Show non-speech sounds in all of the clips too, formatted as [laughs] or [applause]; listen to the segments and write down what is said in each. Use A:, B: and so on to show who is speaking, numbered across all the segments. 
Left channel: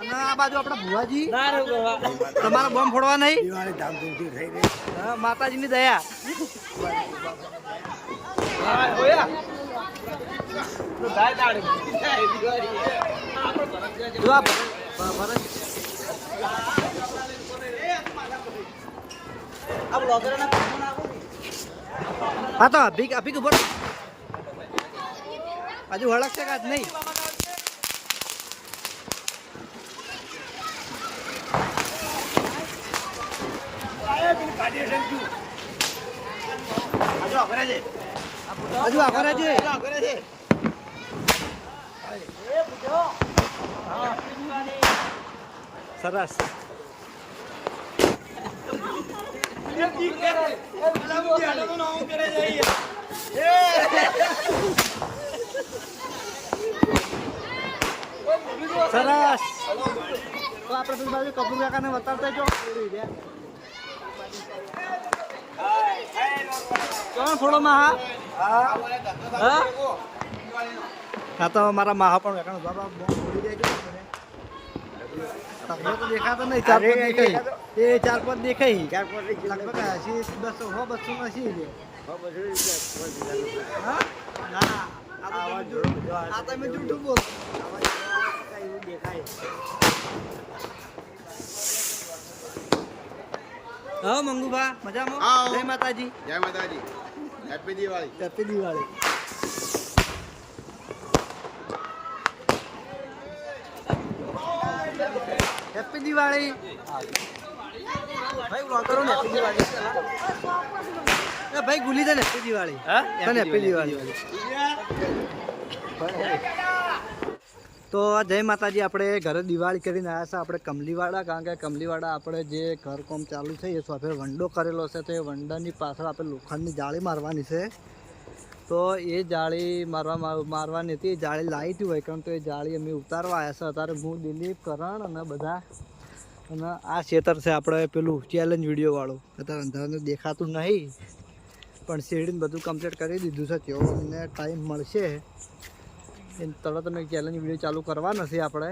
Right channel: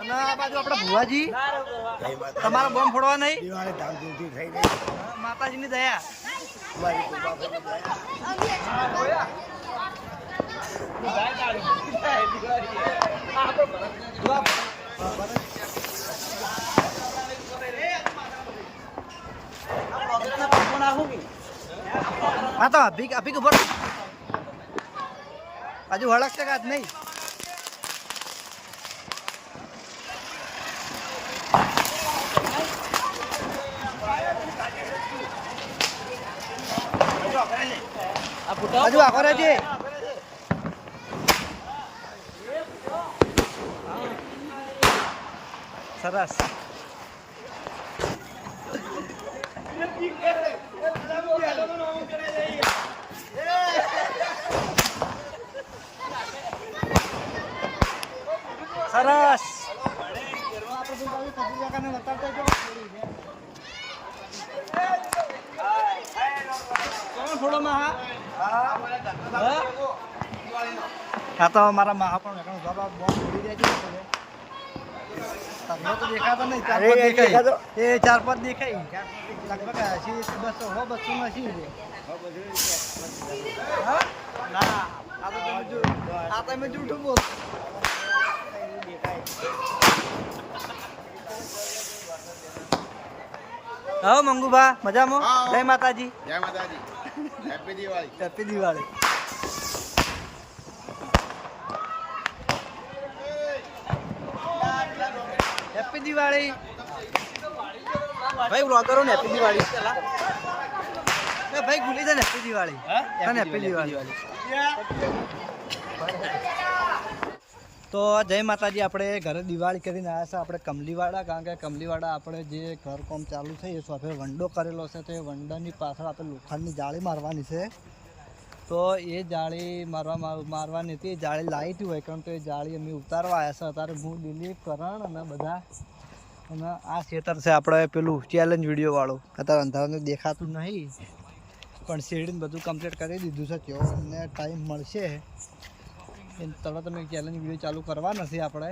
A: અને આ બાજુ આપણા ભુવાજી. તમારા બોમ્બ ફોડવા નહીં?
B: દિવાળી ધામધૂમથી થઈ રહી
A: હા, માતાજીની દયા. હા તો અભિક અભિક ઉપર. હજુ હળક છે કાચ નહીં? હજુ આખો રહેજે હા. સરસ સરસ તો આપણે પેલી બાજુ કપૂર કાકાને બતાવતા જો કોણ ફોડો માં હા? હા? હા તો મારા માહા પણ કારણ બાબા બોમ્બ ફોડી દેજો છે દેખાતા નહીં ચાર પાંચ દેખાય. એ ચાર પાંચ દેખાય. લગભગ હજી દસ હો બસો નથી રે હા ના આ તમે જૂઠું- આ એવું દેખાય. બોલ હા મંગુબા મજામાં? જય માતાજી.
B: જય માતાજી. Happy Diwali
A: happy Diwali happy Diwali ભાઈ વ્લોગ કરો ને હેપી દિવાળી એ ભાઈ ગુલી દે ને હેપી દિવાળી હા? તને હેપી દિવાળી તો જય માતાજી, આપણે ઘરે દિવાળી કરીને આવ્યા છે આપણે કમલીવાડા. કારણ કે કમલીવાડા આપણે જે ઘર કોમ ચાલુ છે, એ સોફે વંડો કરેલો છે. તો એ વંડાની પાછળ આપણે લોખંડની જાળી મારવાની છે. તો એ જાળી મારવા માર- મારવાની હતી. એ જાળી લાવી હોય, કારણ તો એ જાળી અમે ઉતારવા આવ્યા છે. અત્યારે હું દિલીપ કરણ અને બધા, અને આ ખેતર છે આપણે પેલું ચેલેન્જ વિડીયોવાળું અત્યારે અંધારાને દેખાતું નહીં, પણ શેરડીને બધું કમ્પ્લીટ કરી દીધું છે. તેઓ ટાઈમ મળશે. તરત અમે ચેલેન્જ વીડિયો ચાલુ કરવા નથી આપણે.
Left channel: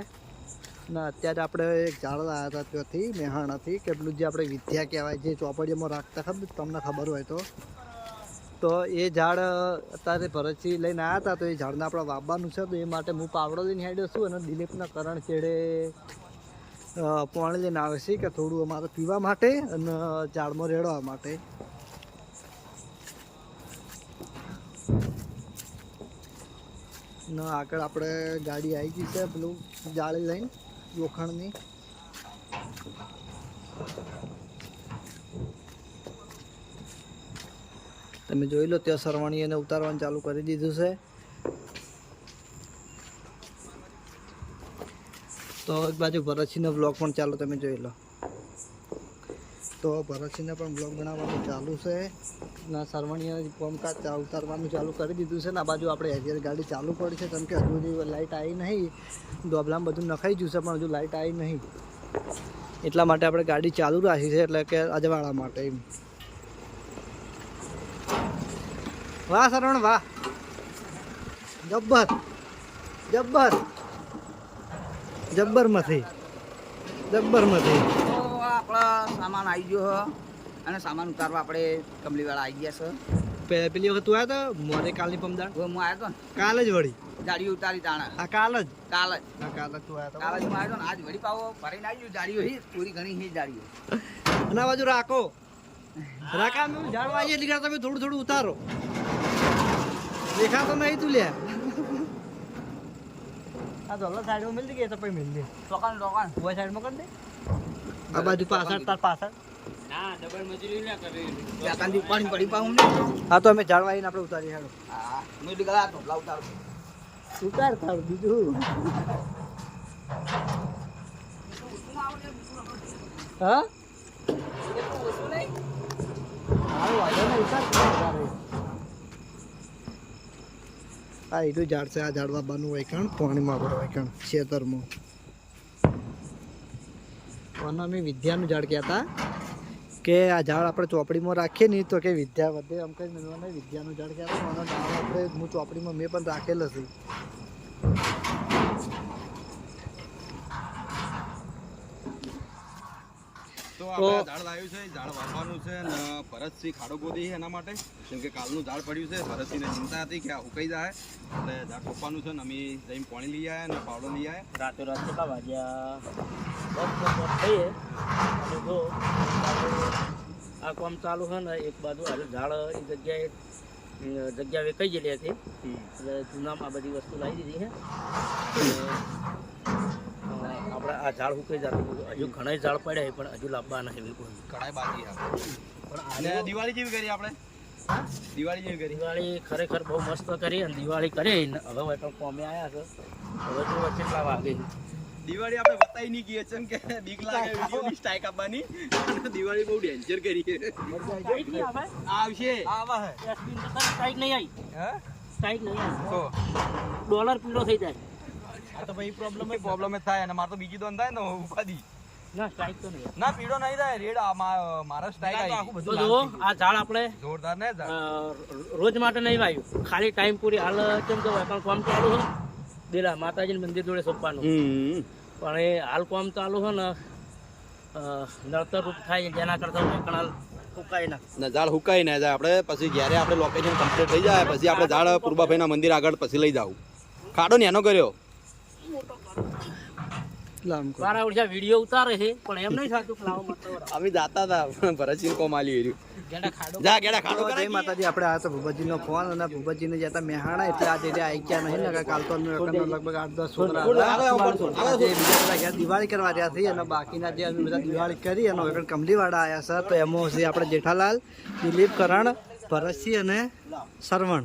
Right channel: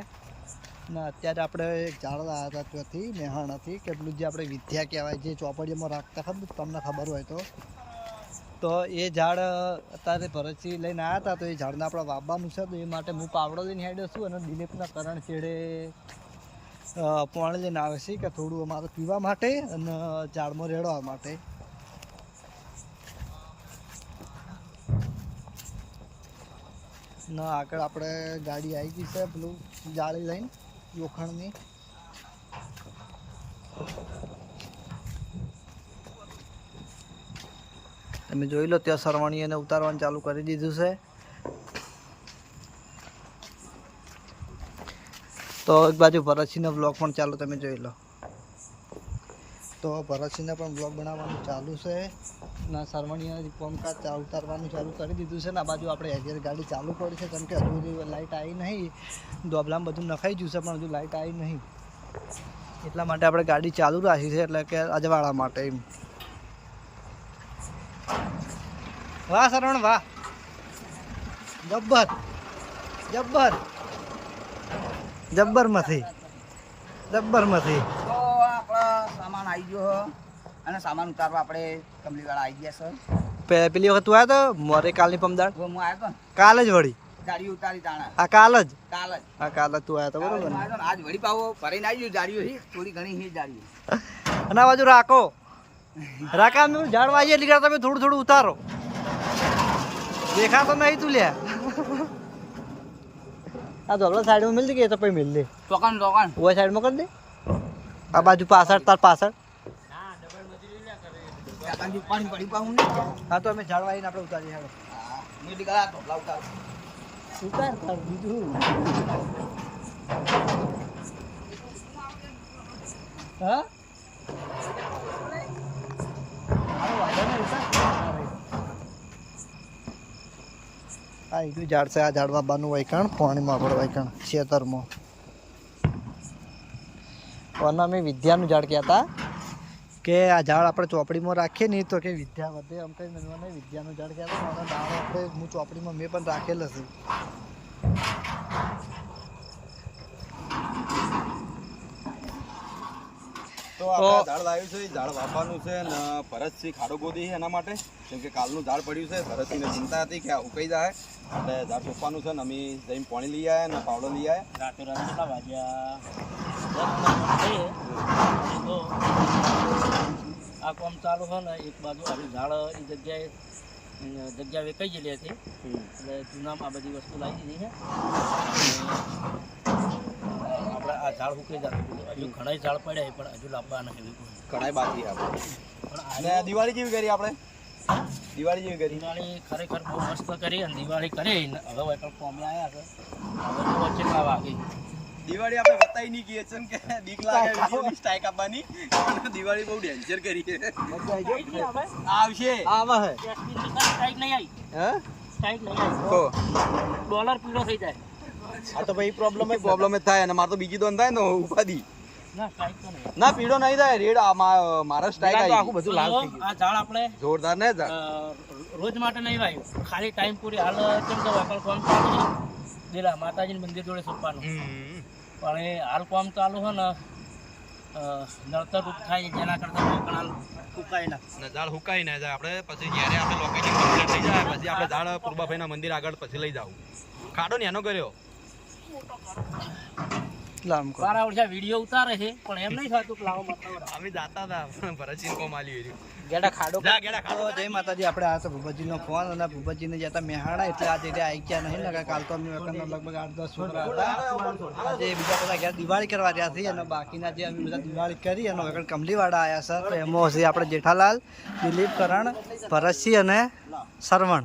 A: ને અત્યારે આપણે એક ઝાડ લાવ્યા હતા ત્યાંથી, મહેણાથી. કે પેલું જે આપણે વિદ્યા કહેવાય, જે ચોપડીઓમાં રાખતા ખબર, તમને ખબર હોય તો. તો એ ઝાડ અત્યારે ભરતસિંહ લઈને આવ્યા હતા, તો એ ઝાડને આપણે વાવવાનું છે. તો એ માટે હું પાવડો લઈને હેડ્યો છું અને દિલીપના કરણ છેડે પાણી લઈને આવે છે કે થોડું અમારે પીવા માટે અને ઝાડમાં રેડવા માટે. ના, આગળ આપણે ગાડી આવી ગઈ છે, પેલું જાળી લઈને, લોખંડની. તમે જોઈ લો, ત્યાં સરવાણી એને ઉતારવાનું ચાલુ કરી દીધું છે. તો એક બાજુ ભરતસિંહનો બ્લોગ પણ ચાલો, તમે જોઈ લો. તો ભરતસિંહને પણ બ્લોગ બનાવવાનું ચાલુ છે. અને સરવણીએ પંપકાજ ઉતારવાનું ચાલુ કરી દીધું છે. ને આ બાજુ આપણે હજી ગાડી ચાલુ પડી છે. કેમ કે હજુ લાઇટ આવી નહીં. ડોબલામાં બધું નખાઈ ગયું છે, પણ હજુ લાઇટ આવી નહીં. એટલા માટે આપણે ગાડી ચાલુ રાખી છે, એટલે કે અજવાળા માટે એમ. વાહ સરવણ વાહ. જબ્બર. જબ્બર. જબ્બર જબ્બરમાંથી. જબ્બર મથી
C: તો આપણો સામાન આવી ગયો હ. અને સામાન ઉતારવા આપણે કમલીવાળા આવી ગયા છે.
A: પેલી વખત તું આવ્યો તો? મોરે કાલની પમદાડ?
C: હવે હું આવ્યો ને?
A: કાલ જ વળી?
C: જાડી ઉતારી તાણે.
A: આ કાલ જ?
C: કાલ જ.
A: આ કાલ જ તું આવ્યો
C: કાલ જ
A: તો
C: હું આવ્યો ને? આજ વળી પાવો ભરીને આવી ગયું જાડીઓ હી. થોડી ઘણી હી જાડીઓ
A: અને આ બાજુ રાખો. રાખા મેં ઝાડ આવીએ એટલે તમે થોડું થોડું ઉતારો. દેખાતો નહીં તું લ્યા આ ધોલો સાઈડમાં મિલ દે કે એ તો પછી મિલ દે.
C: ટોકન ટોકન
A: ઓય સાઈડમાં કરી દે. આ બાજુ પાછળ, તાર પાછળ? હા, તો અમે ઝાડ વાઈને આપણે ઉતારી હાલો.
C: ઉતારું
A: તાર બીજું. હા? આ એનું ઝાડ છે, આ ઝાડવા બાનું વાયકણ, પાણીમાં આપણે વાયકણ ખેતરમાં. અને અમે વિદ્યાનું ઝાડ કહેતા કે આ ઝાડ આપણે ચોપડીમાં રાખીએ નહીં તો કે વિદ્યા વધે એમ કરીને મને વિદ્યાનું ઝાડ કહેતા અને દાણો આપણે હું ચોપડીમાં મેં પણ રાખેલો છે
B: તો ઝાડ લાવ્યું છે ઝાડ વાવવાનું છે અને ભરતસિંહ ખાડો ગોદી એના માટે. કેમ કે કાલનું ઝાડ પડ્યું છે ભરતસિંહને ચિંતા હતી કે આ ઉકાઈ જાય. એટલે ઝાડ સોંપવાનું છે ને અમે જઈને પાણી લઈ આવ્યા અને પાવડો લઈ આવ્યા.
D: રાતે રાત કેટલા વાગ્યા? દસ નંબર થઈએ. અને જો આ કામ ચાલુ છે ને એક બાજુ આનું ઝાડ એ જગ્યાએ અમ, જગ્યા વેકાઈ ગયેલી હતી. એટલે જૂનામાં આ બધી વસ્તુ લાવી દીધી છે આપણે આ ઝાડ સુકાઈ જતું હતું. હજુ ઘણા ઝાડ પડ્યા પણ હજુ લાવવા નહીં એવી કોઈ.
B: ઘણા બાકી
D: પણ આને
B: દિવાળી જેવી કરી આપણે?
D: હા?
B: દિવાળી જેવી કરી?
D: દિવાળી ખરેખર બહુ મસ્ત કરી અને દિવાળી કરી. હવે વૈકલ કોમે આવ્યા છે. હવે જો વચ્ચે લાવવા છે.
B: દિવાળી આપણે બતાવી નહીં કહીએ છે કે બીક લાગે [laughs] વિડીયોની સ્ટ્રાઇક આપવાની. અને દિવાળી બહુ ડેન્જર કરી છે.
D: સ્ટ્રાઇક નહીં આવે
B: આવશે
A: આવા
D: સ્ટ્રાઇક નહીં આવી.
B: હા?
D: સ્ટ્રાઇક નહીં આવી. ડોલર પીળો થઈ જાય.
B: આ તો ભાઈ પ્રોબ્લેમ જ પ્રોબ્લેમ જ થાય અને મારે તો બીજી દોન થાય ને ઉપાધી.
D: ના
B: પીળો નહીં થાય. રેડ આ મારા સ્ટ્રાઇક આવી.
D: તો જો આ ઝાડ આપણે
B: જોરદાર ને
D: રોજ માટે નહીં વાયું ખાલી ટાઈમ પૂરી. હાલ કેમ કે વેકણ કામ ચાલુ છે. દેલા માતાજીના મંદિર જોડે સોંપવાનું. પણ એ હાલ કામ ચાલુ છે ને નળતર નડતર રૂપ થાય જેના કરતાં કણાલ ના
B: ઝાડ હુકાઈ ના જાય. આપણે પછી જ્યારે આપણે લોકેશન કમ્પ્લીટ થઈ જાય પછી આપણે ઝાડ પૂર્વાભાઈના મંદિર આગળ પછી લઈ જાવ. ખાડો ને એનો કર્યો?
A: લામ
D: મારા વીડિયો ઉતારે છે પણ એમ નહીં થતું કે લાવો મતલબ
B: અમે જાતા હતા ભરતસિંહ કોમાલી એર્યું
A: જય માતાજી આપણે આ તો ભૂપતજીનો ફોન અને ભૂપતજીને જતા મહેહાણા એટલે આજે જે આવી ગયા નહીં ને કાલ તો અમે લગભગ આઠ દસ છોકરા હતા. આજે બીજા બધા ઘેર દિવાળી કરવા રહ્યા છીએ અને બાકીના જે અમે બધા દિવાળી કરી અને વેકણ કમલીવાડા આવ્યા સર તો એમાં છે આપણે જેઠાલાલ દિલીપ કરણ ભરતસિંહ અને સરવણ.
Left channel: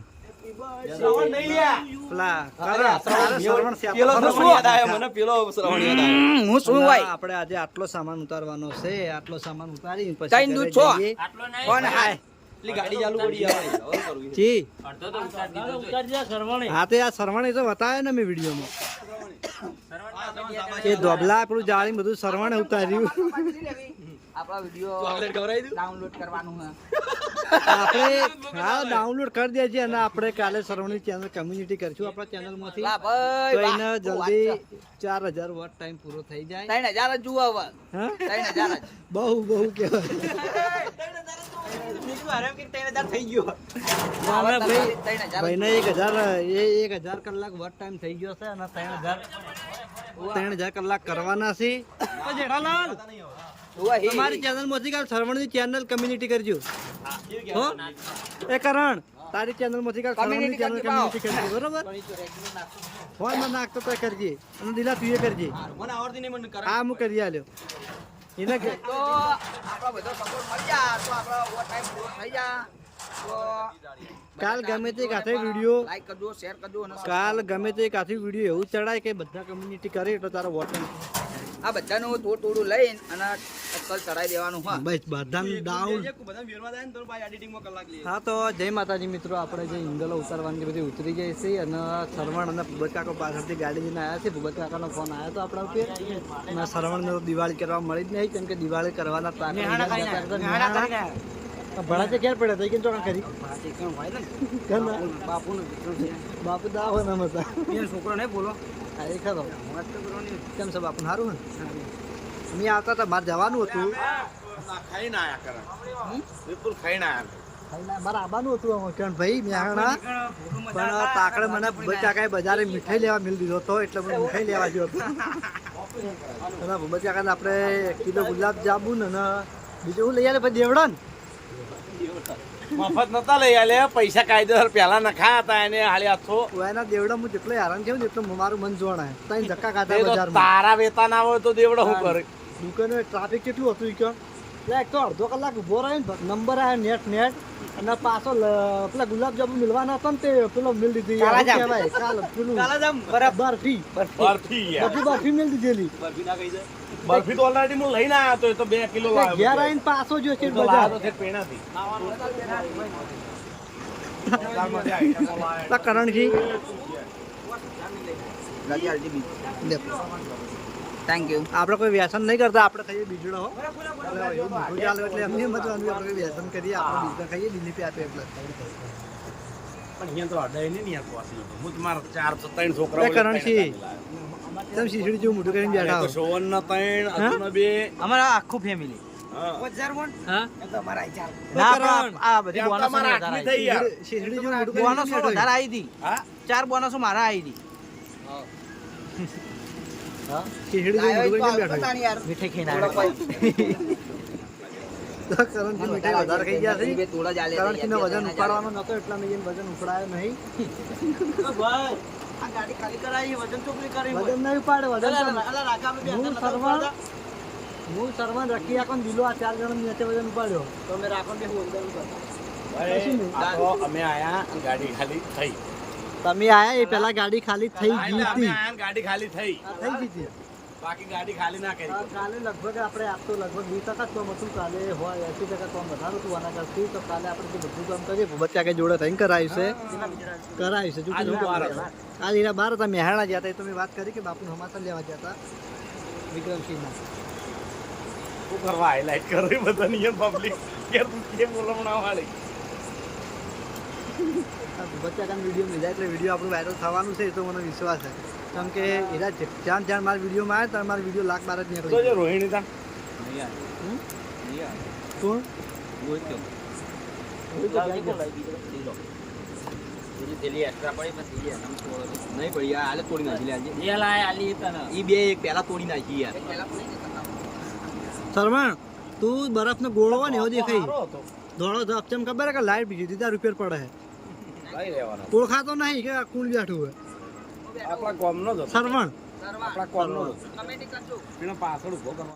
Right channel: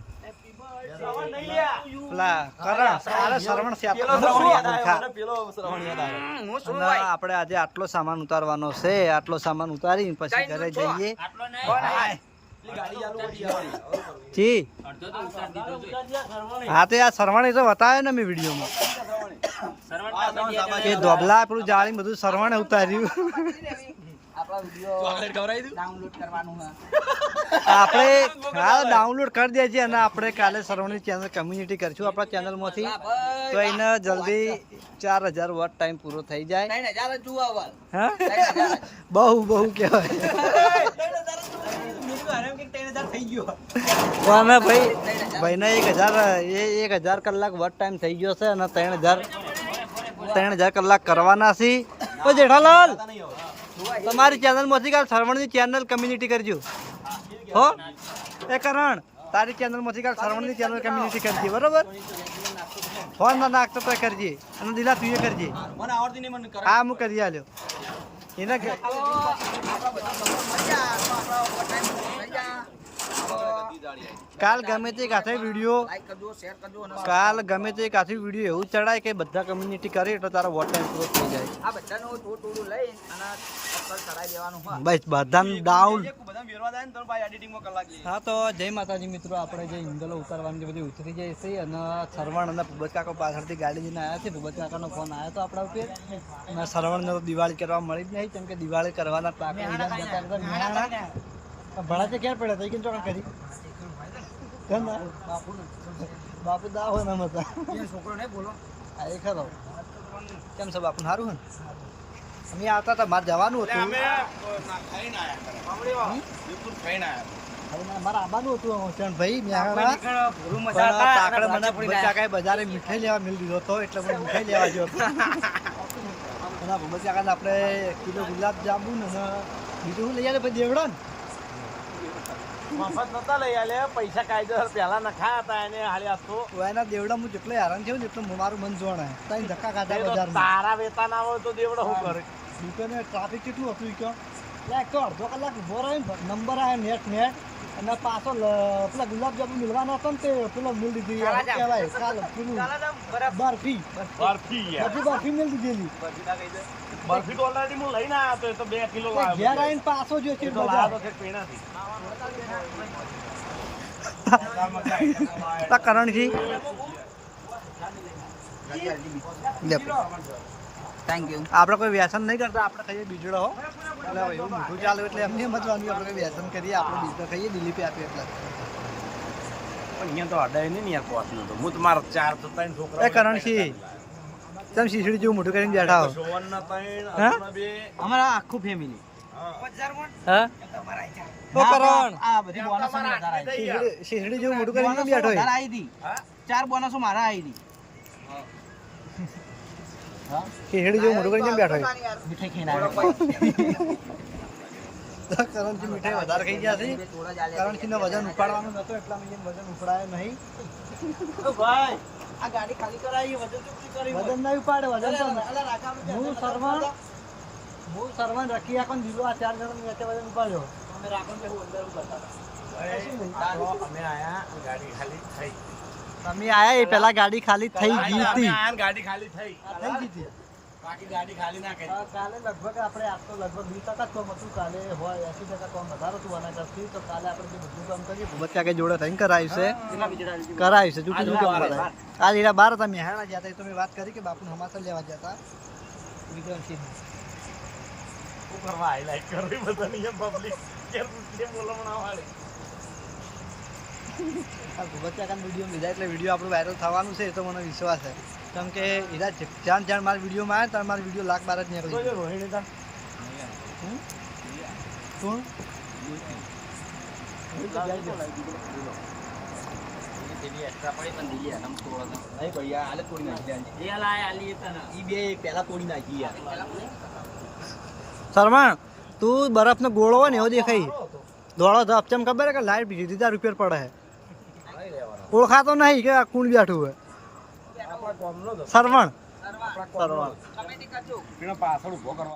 A: આપણે આજે આટલો સામાન ઉતારવાનો છે આટલો સામાન ઉતારી પછી ઘરે જઈએ. હા. તે આ સરવાણી તો બતાવે ને મેં વિડીયોમાં. એ ધોબલા આપણું જાળી બધું સરવાણે ઉતાર્યું.
C: આપણા વીડિયો
B: ચોકલેટ ખવડાવી દઉં?
C: ડાઉનલોડ કરવાનું છે
A: આપણે [laughs] હા ડાઉનલોડ કરી દેજે અને આપણે કાલે સરવણની ચેનલ કમ્યુનિટી કરશું આપણા ચેનલમાંથી
C: ભાઈ,
A: તો એને જલ્દી ચાર હજાર વોટ ટાઈમ પૂરો થઈ જાય.
C: ત્રણ હજાર જ જુઓ હવે.
A: હા?
C: ત્રણ હજાર [laughs]
A: બહુ બહુ કહેવાય. [laughs] ભાઈ એક હજાર એ એક હજાર કલાક વોટ ટાઈમ થઈ ગયો છે અને ત્રણ હજાર ત્રણ હજાર કલાક કરવાના છે. જેઠાલાલ. તમારી ચેનલમાંથી કાલ સરવણની ચેનલ કમ્યુનિટી કરજો. હો એ કરણ તારી ચેનલમાંથી કાલ સરવણની ચેનલ કમ્યુનિટી કરજે બરોબર? હો ના. નાખતો તો કરજે. અને દિલા તું એ કરજે. હા હું કરી આલ્યો. એને કાલ ગમે તે કાથે વીડિયો
C: લાઈક કરજો શેર કરજો અને
A: કાલ ગમે તે કાથે વીડિયો એવું ચડાય કે બધા કમ્યુનિટી કરે એટલે તારો વોટ ટાઈમ થઈ જાય.
C: આ બધાનું થોડું થોડું લઈને અને ટક્કર ચડાઈ દેવાનું હા.
A: બસ બધાને ડાઉન
B: બધા વેરવા જાય ને તો ભાઈ એડિટિંગમાં કલાક લે
A: હા તો જય માતાજી મિત્રો આપણે જે ઇંગલો ઉતારવાની બધી ઉતરી જાય છે અને સરવણ અને ભૂપત પાછળથી ગાડી લઈને આવ્યા છે. ભૂપત કાકાનો ફોન આવ્યો તો આપણા ઉપર. અને સરવણને તો દિવાળી કરવા મળી જ નહીં કેમ કે દિવાળી કરવાના ઈજાદ જતા રહેતા મેહાણા. ભણા છે ક્યારે પડ્યા? હતા કેમ ચોકા કરી? કેમ ના? બાપુ દા હોય ને મજા
C: છોકરો નહીં બોલો.
A: હા એ ખરો. કેમ છે બાપુ? સારું ને? અમે આવતા હતા મારે જવાનું હતું.
B: ખાઈને આયા કરે. બિલકુલ ખાઈને આયા
A: ના, મારે આવવાનું હતું હોશિયારભાઈ મેહાણા પણ તાકડે મને ભૂપત કાકાએ બજારે મીઠાઈ લેવા મિલ દીધો હતો એટલે મને મીઠાઈ લેવા ગયો હતો. [laughs] અને ભૂપત કાકાને આપણે કિલો ગુલાબ જાંબુ ને બીજું શું લઈ આવે ભાઈ દેવડા ને
E: મફત નતા લઈ આલે પૈસા કાયદેસર પહેલા નખા હતા એને હાલી આખો.
A: એના દેવડા હું જેટલો હેરાન થયો ને એટલું મારું મન જોણાય ત્યાં ધક્કા ખાધા બજારમાં.
E: તારા વેતા ના હોય તો દેવડો શું કરે?
A: દુકાને ટ્રાફિક કેટલું હતું કે એટલે એક તો અડધો કલાક ઊભો રહ્યો ને નંબર આવે નેટ નેટ અને પાછો પેલા ગુલાબજાંબુ મિલવાના હતા ને તે પેલો મિલ દીધી યાર શું કહેવાય? કાલ પેલું બરફી.
E: બરફી.
A: બધી બરફી મિલ દીધેલી. ઘેર આવીને પાછો જો છે બજાર. આ [laughs] કરણજી લે.
C: થેન્ક યુ
A: આપણે કોઈ વ્યસન નહીં કરતા આપણે ખાઈએ બીજું હો એટલે એવું મીઠું ચાલે એટલે એમને એમ જ વાંધું આપણે કોઈ વ્યસન કરીએ આપણે બીજા ખાઈએ દિલીપે આપે એટલે.
E: પણ અહીંયા તો અડાય નહીં ને યાર પહોંચી તો. હું તમારા ચાર ત્રણ
A: એ
E: છોકરા
A: કરણસિંહ તમે શીશડી જેવું મોટું કરીને બેઠા હો.
E: સોવન ના ત્રણ બે.
C: અમારા આખું ફેમિલી ચાર બોનસો મારા આવી હતી? મીઠાઈ ખાઈને
A: કરણસિંહ મીઠાઈ વધારે ખાઈ ગયા છે. કરણસિંહનો વજન ઉપાડવાનો નતો એટલા મેં વજન ઉપાડાય નહીં.
C: ભાઈ આ ગાડી ખાલી કરાવી વજન ચોકલી કરી
A: વજન નહીં ઉપાડે વજન હું
C: ઉપાડતા?
A: હું સરવણ રખી આખો ને દિલો આ ચાર જણા નીચે વજન ઉપાડ્યો.
C: તો અમે રાખો ને હું અંદર કરતા હતા.
E: અમે આયા ગાડી ખાલી થઈ.
A: તમે આયા એ પેલા ગાડી ખાલી થઈ ગઈ હતી.
E: ગાડી ખાલી થઈ.
A: થઈ ગઈ હતી.
E: બાકી ગાડી ખાલી ના કરી.
A: કાલે લગભગ આપણે આજ તો લગભગ વીસ ટકા જ કામ હતું. કાલે હોય એસી ટકા કામ વધારો હતું આના કરતી. તો કાલે આપણે જે બધું કામ કરીએ ભૂપત કાકે જોડે થઈને કરાવ્યું છે. કરાયું છે.
E: બાર
A: એના બાર હતા. મહેણા ગયા હતા. એ તો મેં વાત કરી કે બાપુને લેવા ગયા હતા. વિક્રમસિંહના.
E: શું કરવા કરે બધા નિયમ પબ્લિક કે કે બોલવણા વાળી
A: આ ભૂપત કાકાનો વીડિયો લીધા એટલે વીડિયો આપણું વાયરલ થવાનું છે એ તો મને વિશ્વાસ છે. કેમ કે એના જે- જ્યાં જ્યાં મારા વિડીયોમાં આવ્યા ત્યાં મારો વીડિયો લાખ બાર જ નીકળી.
E: રોહિણી તા.
A: હમ? કોણ.
B: નહીં પડી આ હાલે તોડી નાખી લે આજે.
D: એ લાય આલી તને
B: ઈ બે પહેલા તોડી નાખી યાર.
A: શર્મા તું બરફનો ગોળો હોય ને એવો દેખાય. દોડો તો તેમ ખબર કે લાઈટ બીજી દીધા રૂપિયા પડે
E: લેવાનો
A: ઓળખાતો નહીં કે આ કોણ બેઠું હોય સરવણ
E: પેલા પાછળ ઊભો કરવા.